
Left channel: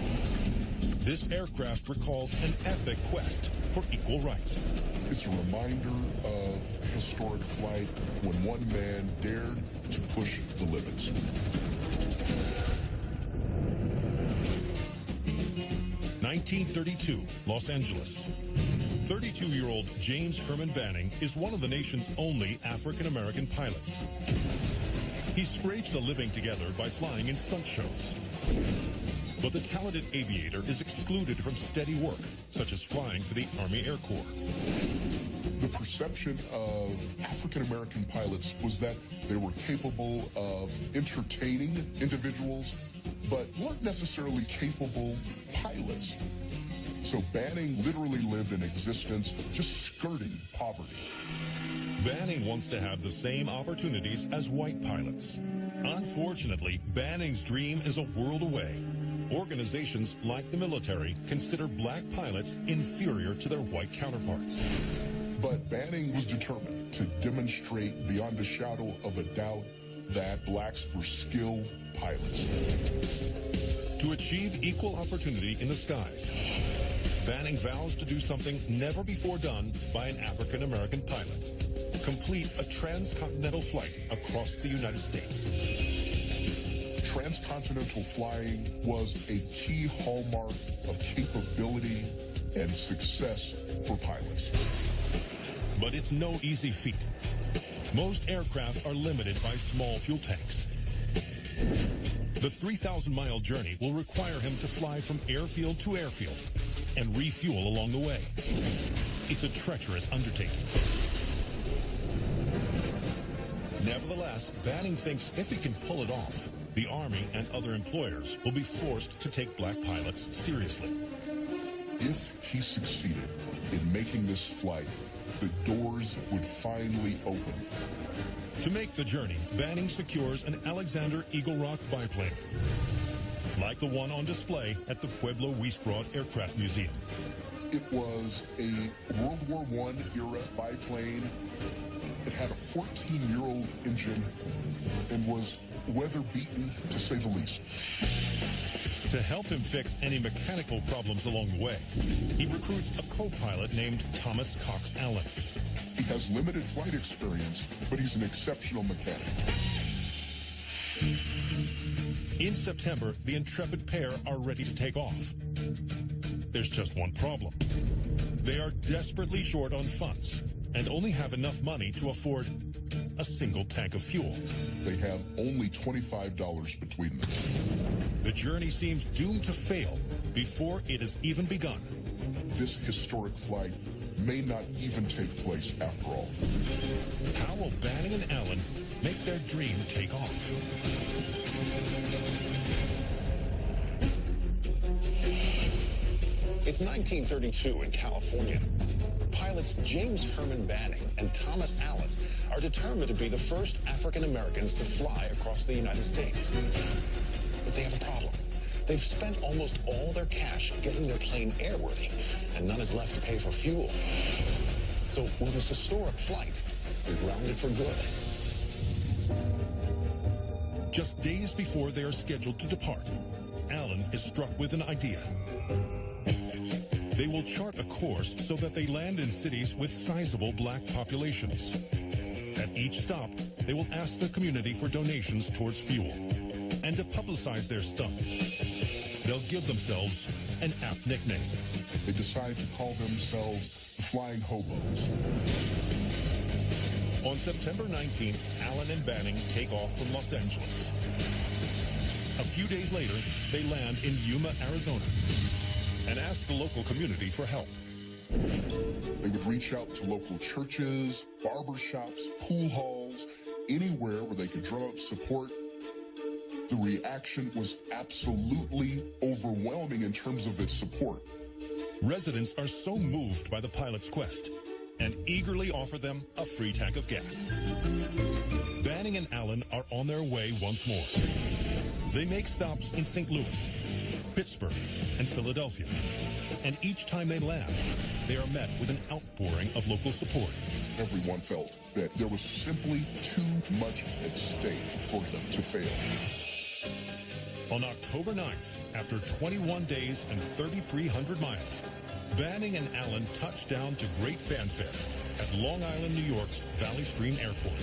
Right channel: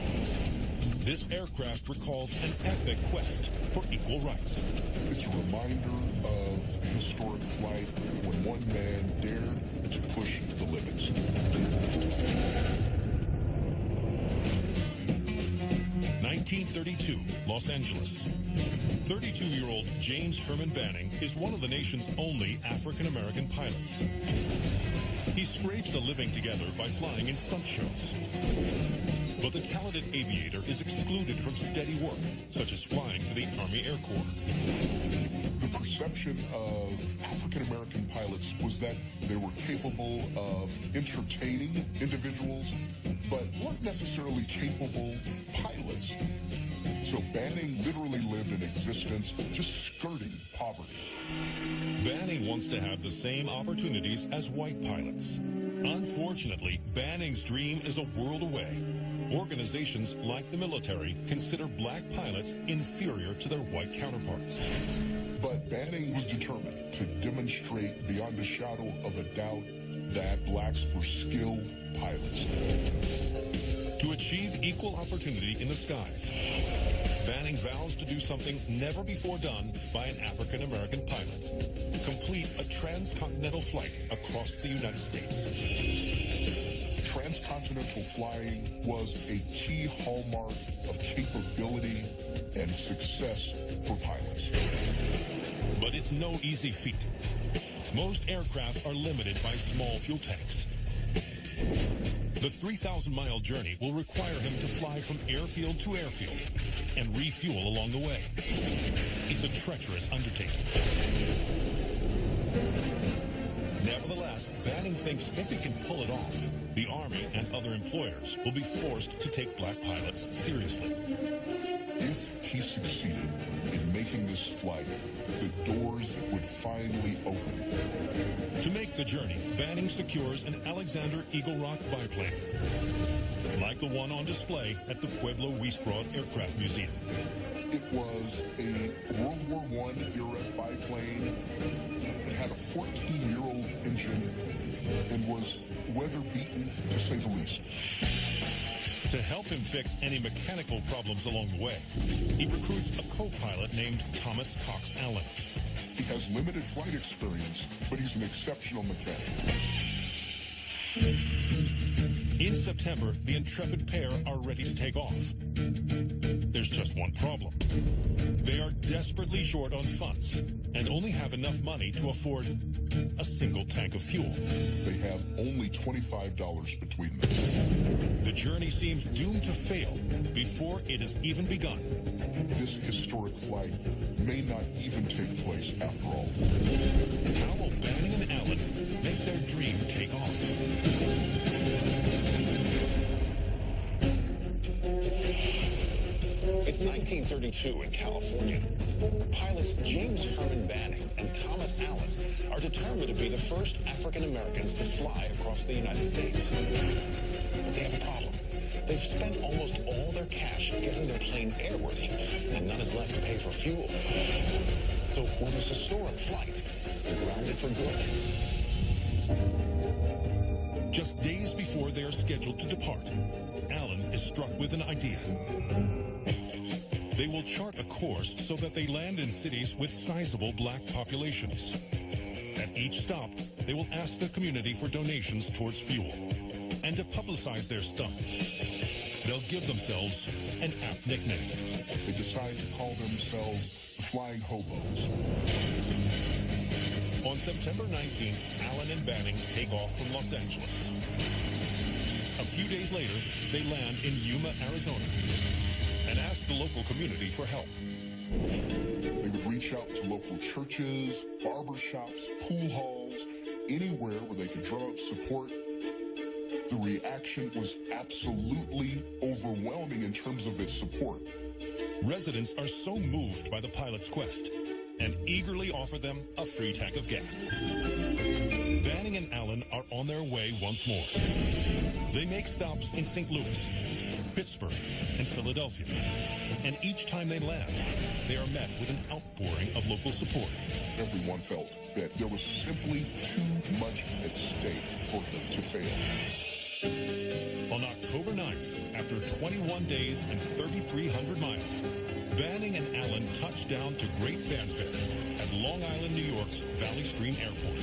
this aircraft recalls an epic quest for equal rights. It's a reminder of a historic flight when one man dared to push the limits. (1932) Los Angeles. 32-year-old James Herman Banning is one of the nation's only African-American pilots. He scrapes a living together by flying in stunt shows. But the talented aviator is excluded from steady work, such as flying for the Army Air Corps. The perception of African-American pilots was that they were capable of entertaining individuals, but weren't necessarily capable pilots. So Banning literally lived an existence just skirting poverty. Banning wants to have the same opportunities as white pilots. Unfortunately, Banning's dream is a world away. Organizations like the military consider black pilots inferior to their white counterparts. But Banning was determined to demonstrate beyond a shadow of a doubt that blacks were skilled pilots. To achieve equal opportunity in the skies, Banning vows to do something never before done by an African-American pilot: complete a transcontinental flight across the United States. Transcontinental flying was a key hallmark of capability and success for pilots. But it's no easy feat. Most aircraft are limited by small fuel tanks. The 3,000-mile journey will require him to fly from airfield to airfield and refuel along the way. It's a treacherous undertaking. Nevertheless, Banning thinks if he can pull it off, the Army and other employers will be forced to take black pilots seriously. If he succeeded in making this flight, the doors would finally open. To make the journey, Banning secures an Alexander Eagle Rock biplane, like the one on display at the Pueblo Wiesbrod Aircraft Museum. It was a World War I era biplane. It had a 14-year-old engine and was weather-beaten, to say the least. To help him fix any mechanical problems along the way, he recruits a co-pilot named Thomas Cox Allen. He has limited flight experience, but he's an exceptional mechanic. In September, the intrepid pair are ready to take off. There's just one problem. They are desperately short on funds and only have enough money to afford a single tank of fuel. They have only $25 between them. The journey seems doomed to fail before it has even begun. This historic flight may not even take place after all. How will Banning and Allen make their dream take off? It's 1932 in California. Pilots James Herman Banning and Thomas Allen are determined to be the first African Americans to fly across the United States. But they have a problem. They've spent almost all their cash getting their plane airworthy, and none is left to pay for fuel. So will this historic flight be grounded for good? Just days before they are scheduled to depart, Allen is struck with an idea. They will chart a course so that they land in cities with sizable black populations. At each stop, they will ask the community for donations towards fuel. And to publicize their stunt, they'll give themselves an apt nickname. They decide to call themselves the Flying Hobos. On September 19th, Allen and Banning take off from Los Angeles. A few days later, they land in Yuma, Arizona, and ask the local community for help. They would reach out to local churches, barber shops, pool halls, anywhere where they could drum up support. The reaction was absolutely overwhelming in terms of its support. Residents are so moved by the pilot's quest and eagerly offer them a free tank of gas. Banning and Allen are on their way once more. They make stops in St. Louis, Pittsburgh, and Philadelphia. And each time they land, they are met with an outpouring of local support. Everyone felt that there was simply too much at stake for them to fail. On October 9th, after 21 days and 3,300 miles, Banning and Allen touched down to great fanfare at Long Island, New York's Valley Stream Airport.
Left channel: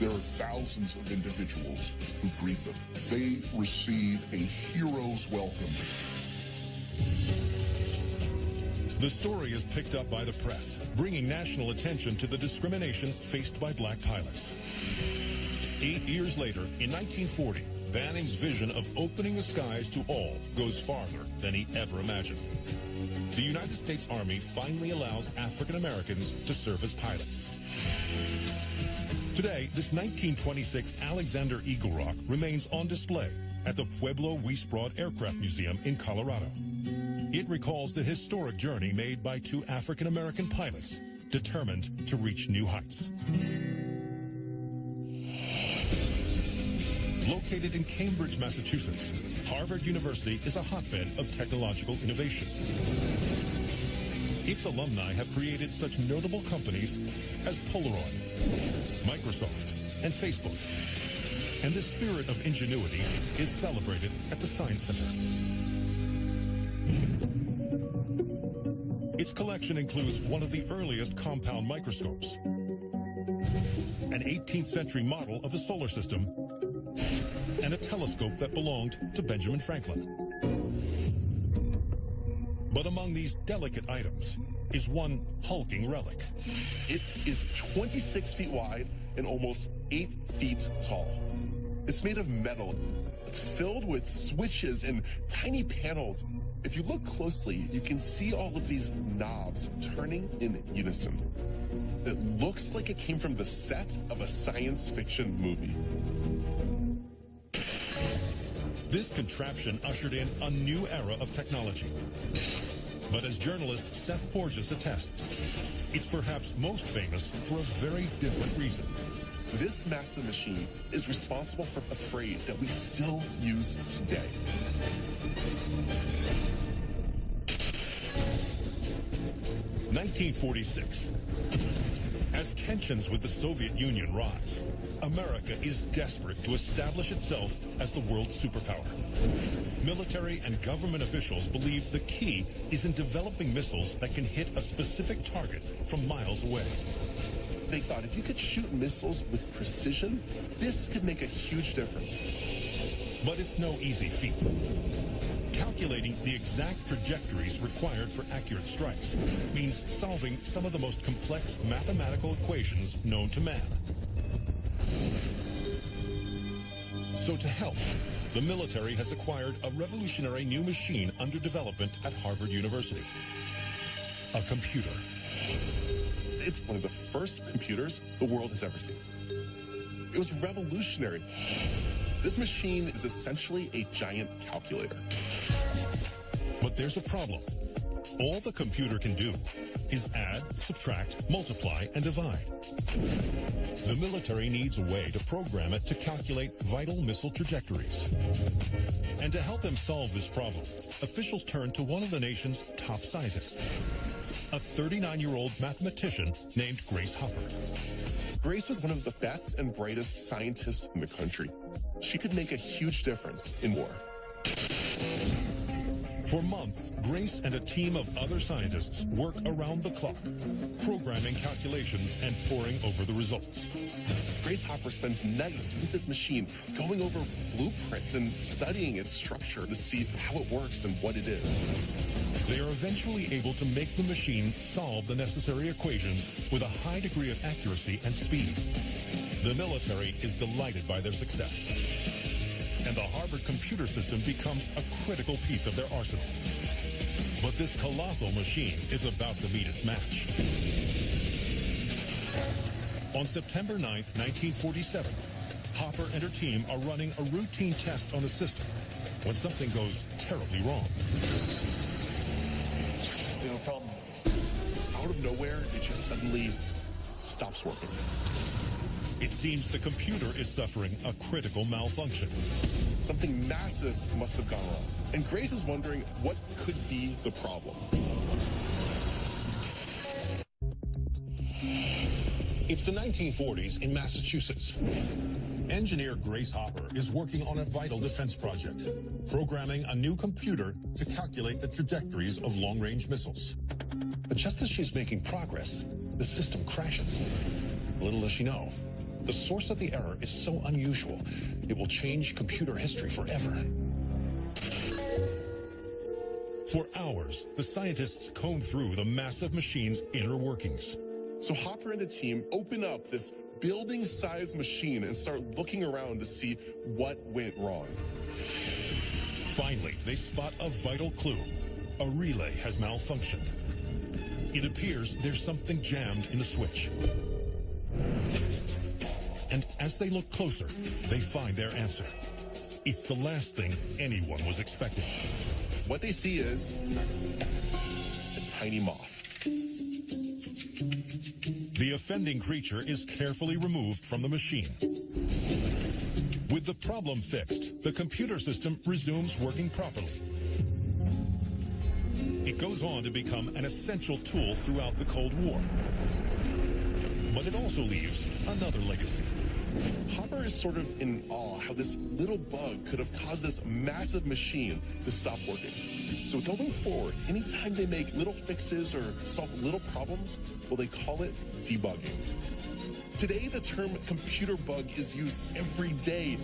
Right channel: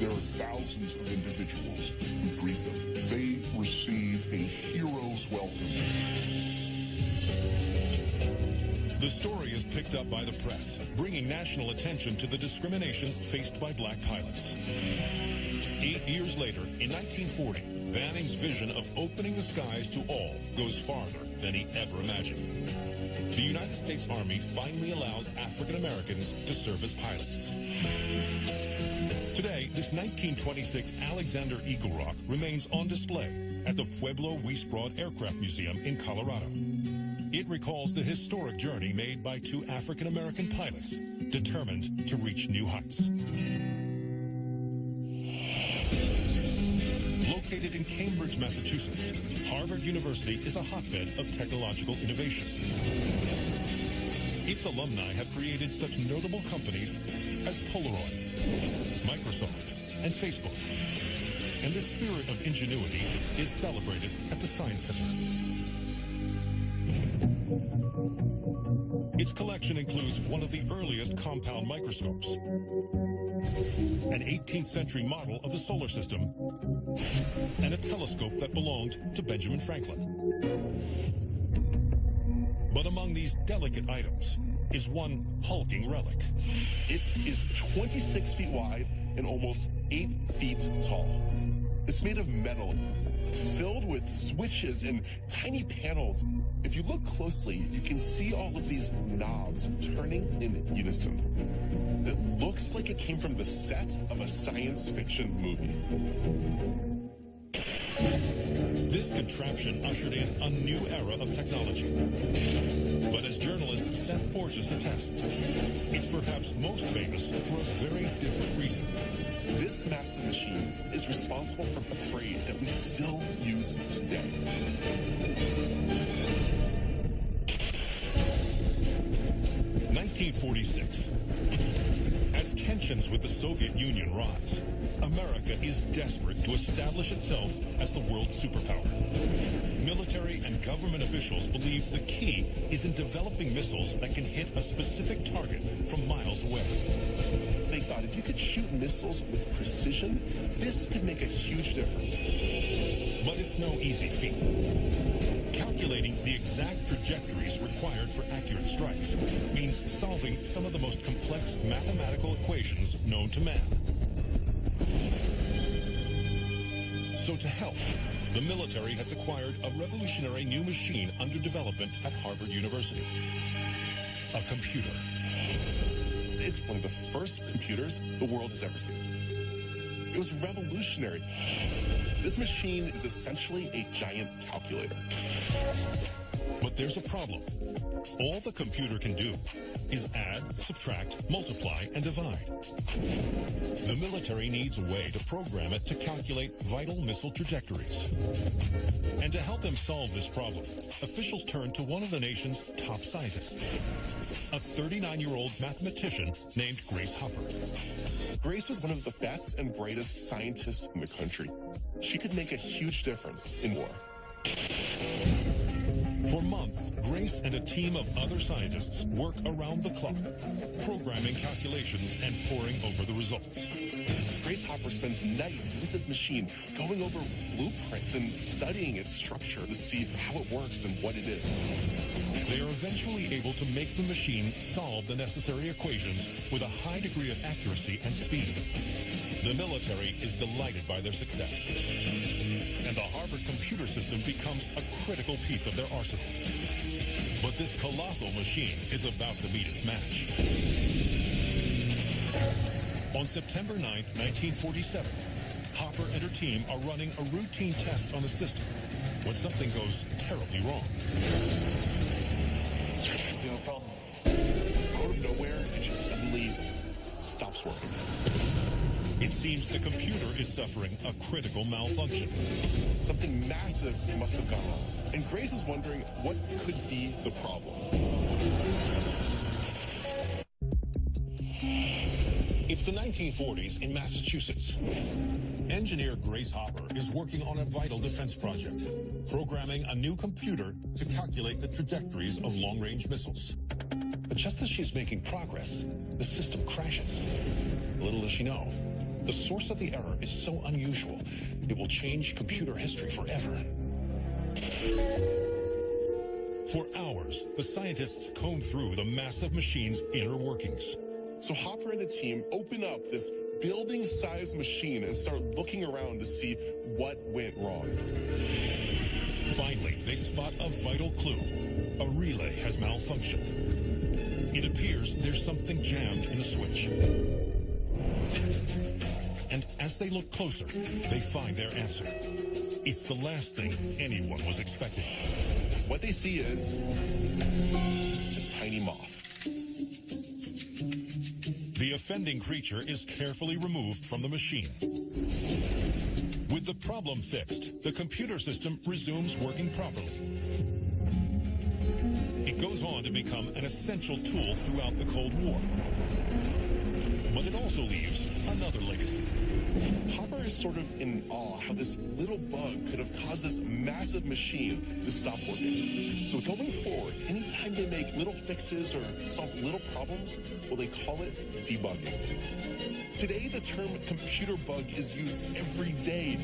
There are thousands of individuals who greet them. They receive a hero's welcome. The story is picked up by the press, bringing national attention to the discrimination faced by black pilots. 8 years later, in 1940, Banning's vision of opening the skies to all goes farther than he ever imagined. The United States Army finally allows African Americans to serve as pilots. Today, this 1926 Alexander Eagle Rock remains on display at the Pueblo Wiesbrod Aircraft Museum in Colorado. It recalls the historic journey made by two African American pilots determined to reach new heights. Located in Cambridge, Massachusetts, Harvard University is a hotbed of technological innovation. Its alumni have created such notable companies as Polaroid, Microsoft, and Facebook. And the spirit of ingenuity is celebrated at the Science Center. Its collection includes one of the earliest compound microscopes, an 18th century model of the solar system, and a telescope that belonged to Benjamin Franklin. But among these delicate items is one hulking relic. It is 26 feet wide and almost 8 feet tall. It's made of metal. It's filled with switches and tiny panels. If you look closely, you can see all of these knobs turning in unison. It looks like it came from the set of a science fiction movie. This contraption ushered in a new era of technology. But as journalist Seth Borges attests, it's perhaps most famous for a very different reason. This massive machine is responsible for a phrase that we still use today. (1946). As tensions with the Soviet Union rise, America is desperate to establish itself as the world superpower. Military and government officials believe the key is in developing missiles that can hit a specific target from miles away. They thought if you could shoot missiles with precision, this could make a huge difference. But it's no easy feat. Calculating the exact trajectories required for accurate strikes means solving some of the most complex mathematical equations known to man. So to help, the military has acquired a revolutionary new machine under development at Harvard University. A computer. It's one of the first computers the world has ever seen. It was revolutionary. This machine is essentially a giant calculator. But there's a problem. All the computer can do is add, subtract, multiply, and divide. The military needs a way to program it to calculate vital missile trajectories. And to help them solve this problem, officials turned to one of the nation's top scientists, a 39-year-old mathematician named Grace Hopper. Grace was one of the best and brightest scientists in the country. She could make a huge difference in war. For months, Grace and a team of other scientists work around the clock, programming calculations and poring over the results. Grace Hopper spends nights with this machine, going over blueprints and studying its structure to see how it works and what it is. They are eventually able to make the machine solve the necessary equations with a high degree of accuracy and speed. The military is delighted by their success. And the Harvard computer system becomes a critical piece of their arsenal. But this colossal machine is about to meet its match. On September 9th, 1947, Hopper and her team are running a routine test on the system when something goes terribly wrong. You have a problem. Out of nowhere, it just suddenly stops working. It seems the computer is suffering a critical malfunction. Something massive must have gone wrong. And Grace is wondering what could be the problem. It's the 1940s in Massachusetts. Engineer Grace Hopper is working on a vital defense project, programming a new computer to calculate the trajectories of long-range missiles. But just as she's making progress, the system crashes. Little does she know, the source of the error is so unusual, it will change computer history forever. For hours, the scientists comb through the massive machine's inner workings. So Hopper and the team open up this building-sized machine and start looking around to see what went wrong. Finally, they spot a vital clue. A relay has malfunctioned. It appears there's something jammed in the switch. And as they look closer, they find their answer. It's the last thing anyone was expecting. What they see is a tiny moth. The offending creature is carefully removed from the machine. With the problem fixed, the computer system resumes working properly. It goes on to become an essential tool throughout the Cold War. But it also leaves another legacy. Hopper is sort of in awe how this little bug could have caused this massive machine to stop working. So going forward, anytime they make little fixes or solve little problems, well, they call it debugging. Today, the term computer bug is used every day.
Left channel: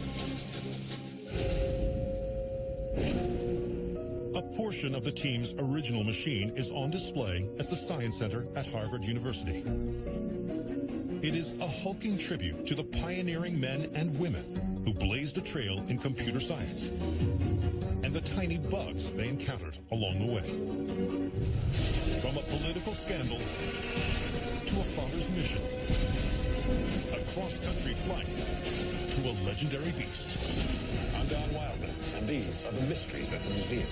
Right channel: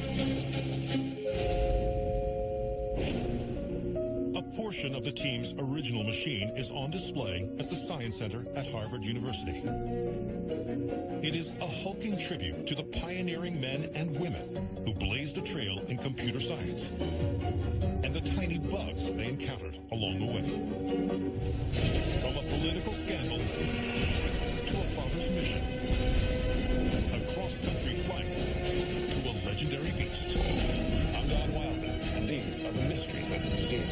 A portion of the team's original machine is on display at the Science Center at Harvard University. It is a hulking tribute to the pioneering men and women who blazed a trail in computer science, and the tiny bugs they encountered along the way. From a political scandal to a father's mission, a cross-country flight to a legendary beast. I'm Don Wildman, and these are the mysteries at the museum.